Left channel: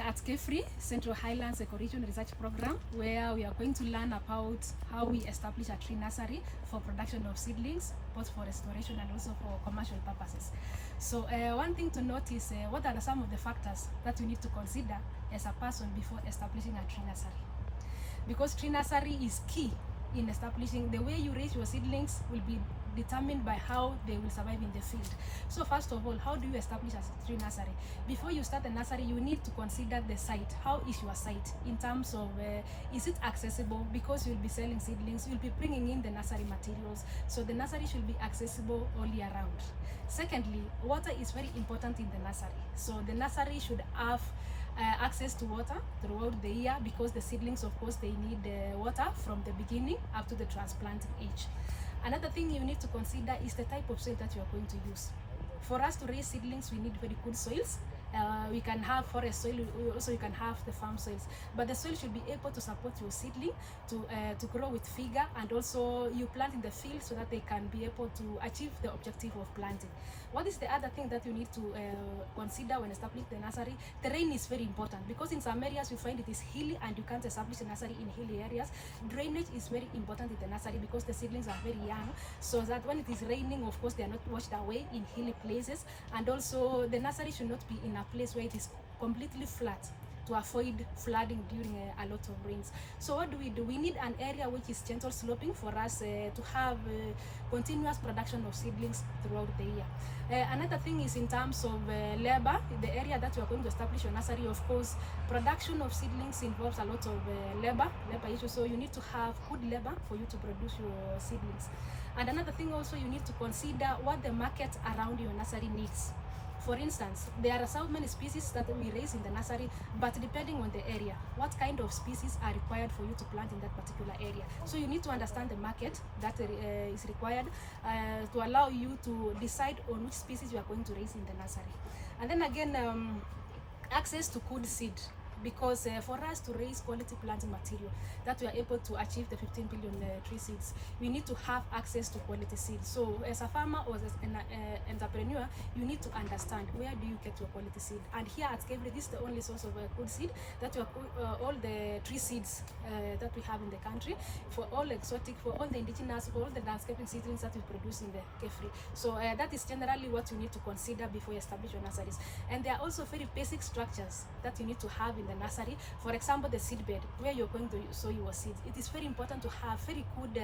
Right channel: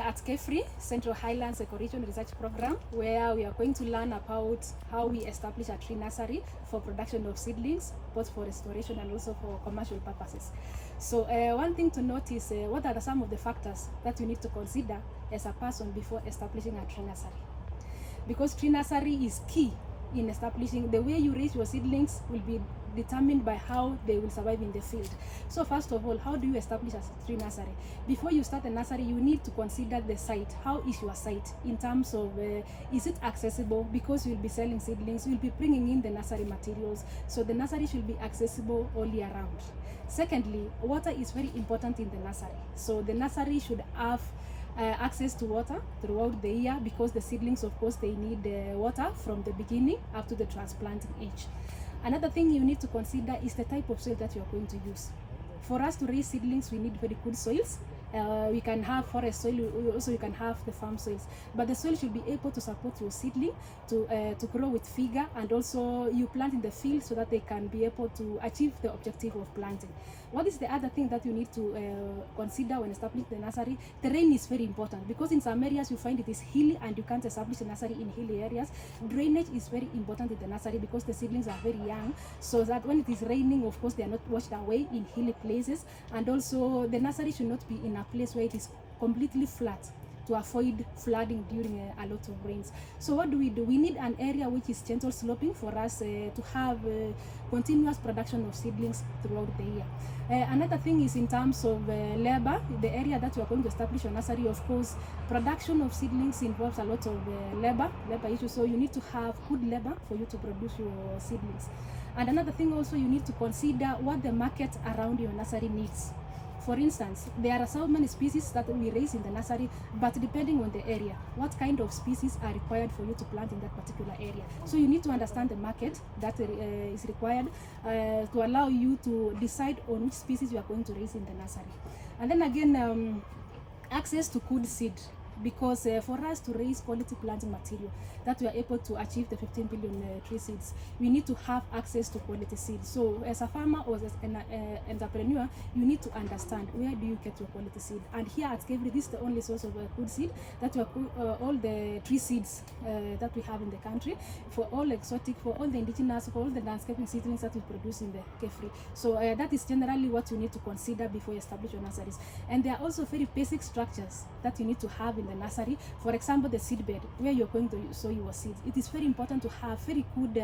here at KFRI, Central Highlands Ecoregion Research Program, where we are going to learn about how we establish a tree nursery for production of seedlings, both for restoration and also for commercial purposes. So one thing to note is what are some of the factors that you need to consider as a person before establishing a tree nursery. Because tree nursery is key in establishing. The way you raise your seedlings will be determined by how they will survive in the field. So first of all, how do you establish a tree nursery? Before you start a nursery, you need to consider the site. How is your site in terms of is it accessible? Because you'll be selling seedlings, you'll be bringing in the nursery materials, so the nursery should be accessible all year round. Secondly, water is very important in the nursery, so the nursery should have access to water throughout the year, because the seedlings, of course, they need water from the beginning up to the transplanting age. Another thing you need to consider is the type of soil that you are going to use. For us to raise seedlings, we need very good soils. We can have forest soil, also you can have the farm soils, but the soil should be able to support your seedling to grow with vigor, and also you plant in the field so that they can be able to achieve the objective of planting. What is the other thing that you need to consider when establishing the nursery? Terrain is very important, because in some areas you find it is hilly and you can't establish a nursery in hilly areas. Drainage is very important in the nursery, because the seedlings are very young, so that when it is raining, of course, they are not washed away in hilly places. And also the nursery should not be in a place where it is completely flat, to avoid flooding during a lot of rains. So what do? We need an area which is gentle sloping for us to have continuous production of seedlings throughout the year. Another thing is in terms of labor. The area that you are going to establish a nursery, of course, production of seedlings involves a lot of labor issues, so you need to have good labor for you to produce your seedlings. And another thing also, you need to consider what the market around your nursery needs. For instance, there are so many species that we raise in the nursery, but depending on the area, what kind of species are required for you to plant in that particular area. So you need to understand the market that is required to allow you to decide on which species you are going to raise in the nursery. And then again, access to good seed. Because for us to raise quality planting material that we are able to achieve the 15 billion tree seeds, we need to have access to quality seeds. So as a farmer or as an entrepreneur, you need to understand where do you get your quality seed. And here at KFRI, this is the only source of good seed that we are all the tree seeds that we have in the country, for all exotic, for all the indigenous, for all the landscaping seedlings that we produce in the KFRI. So that is generally what you need to consider before you establish your nurseries. And there are also very basic structures that you need to have in the nursery. For example, the seed bed where you're going to sow your seeds. It is very important to have very good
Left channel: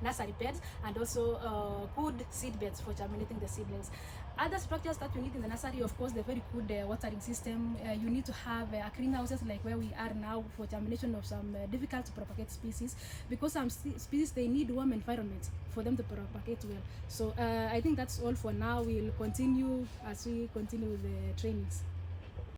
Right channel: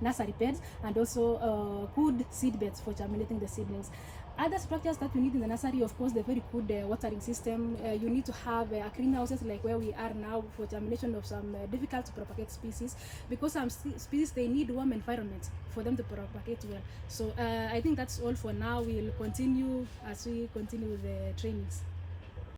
nursery beds, and also good seed beds for germinating the seedlings. Other structures that you need in the nursery, of course, the very good watering system. You need to have greenhouses like where we are now for germination of some difficult to propagate species, because some species, they need warm environment for them to propagate well. So I think that's all for now. We'll continue as we continue with the trainings.